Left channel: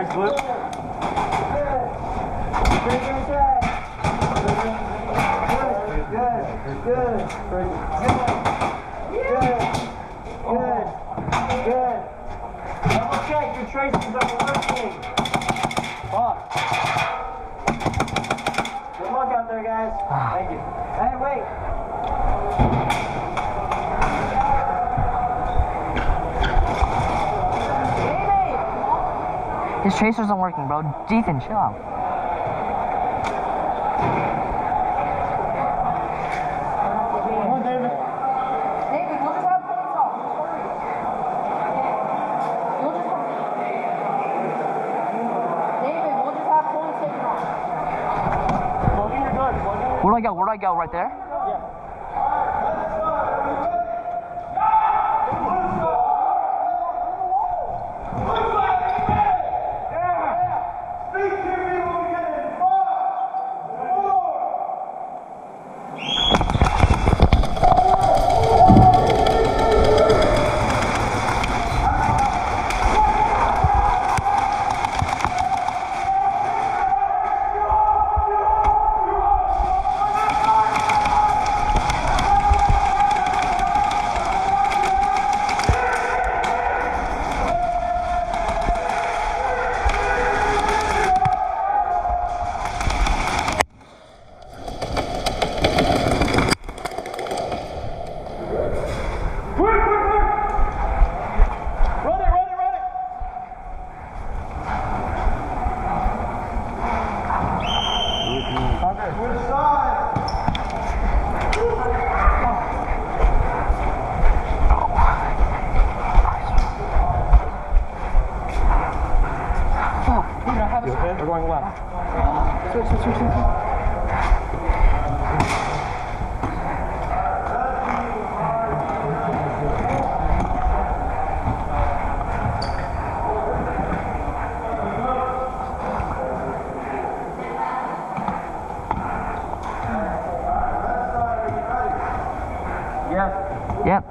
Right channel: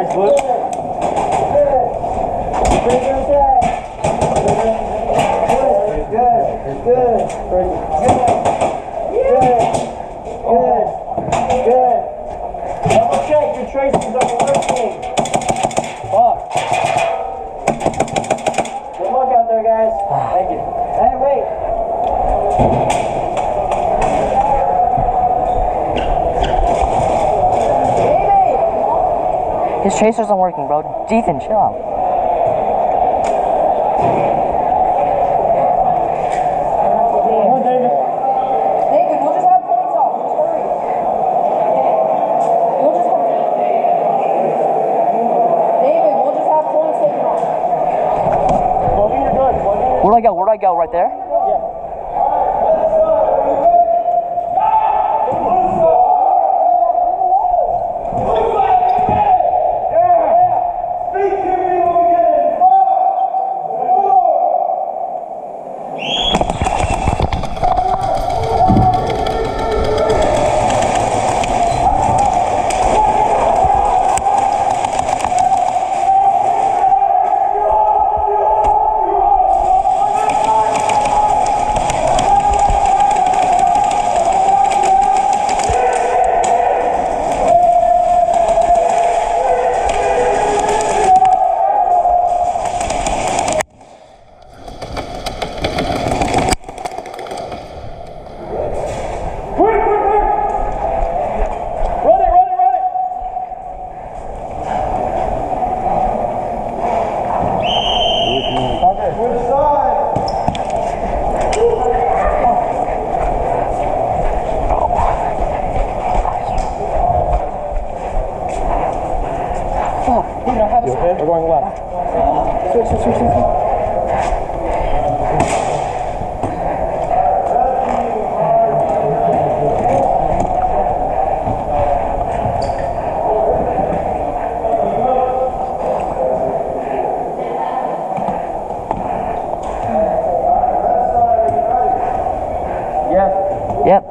Big flip. Good. Double check your traces are working. Fuck. Good luck out there, guys. Thank you. Hey, wait. His tracers aren't working, bro. Ethan, chill out. Where do I go? Right there? Yeah. We're going left. Yes. Yep.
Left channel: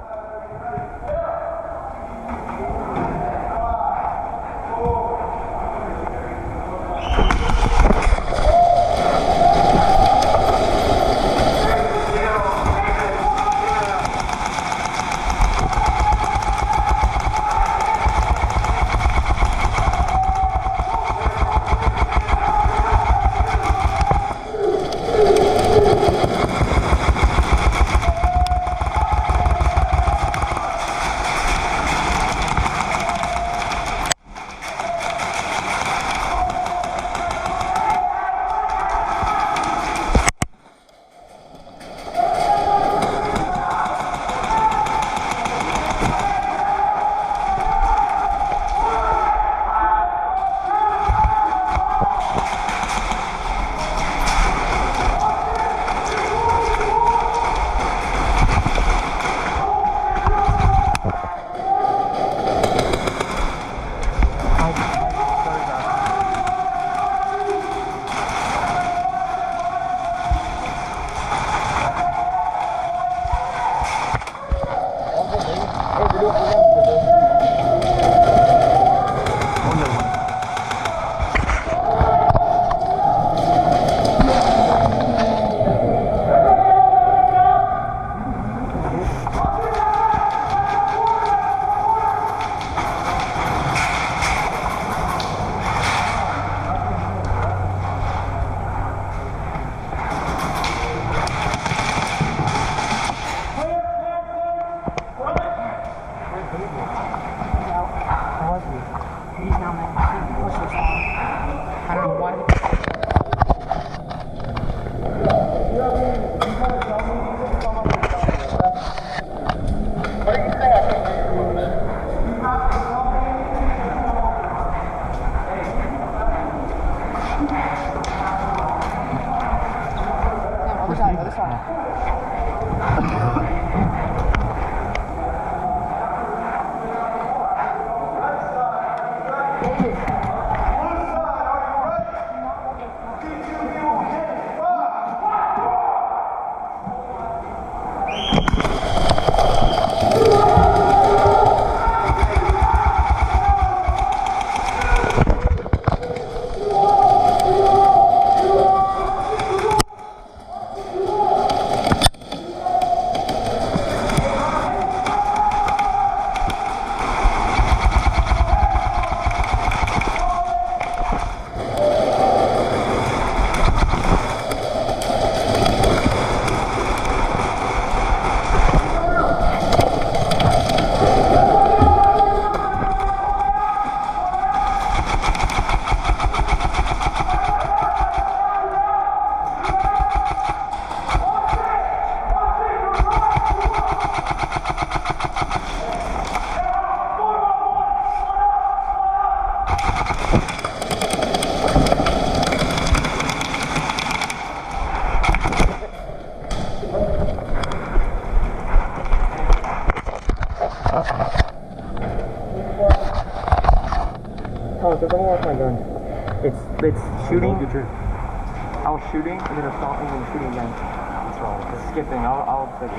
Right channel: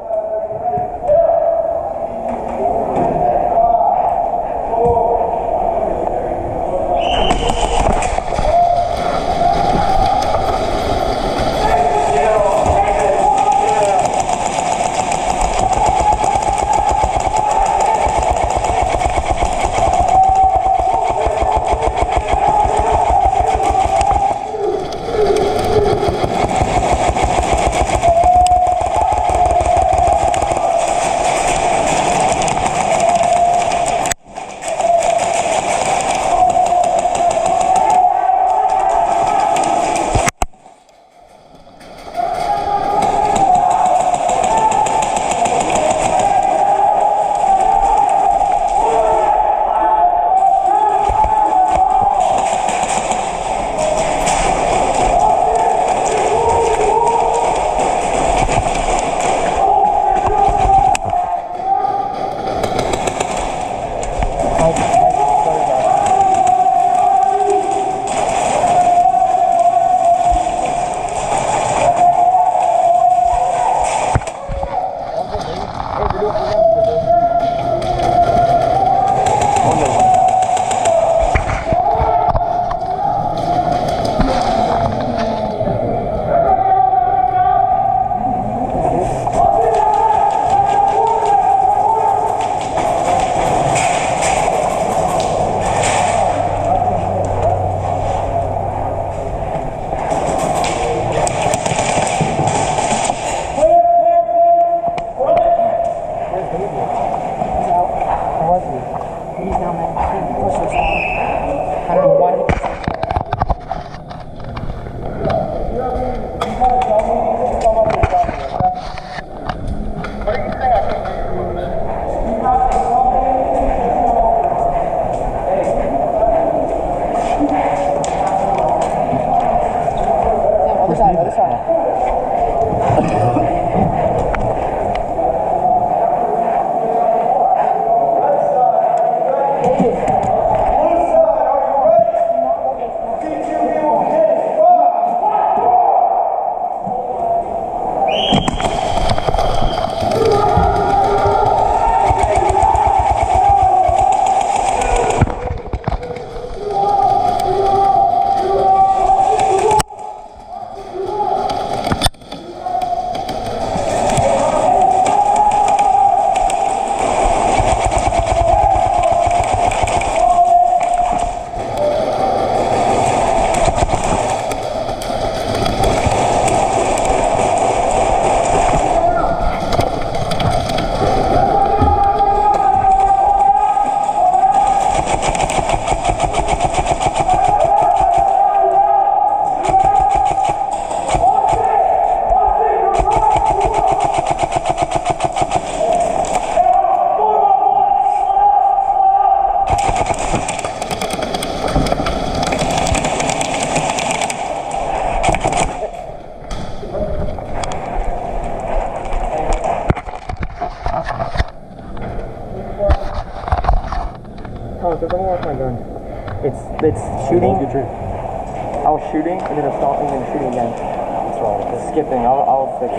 Oh, so don't watch my gun. It's shooting. I was shooting and then I stopped and then shooting again. What's wrong with it? Skipping. I'll fix it.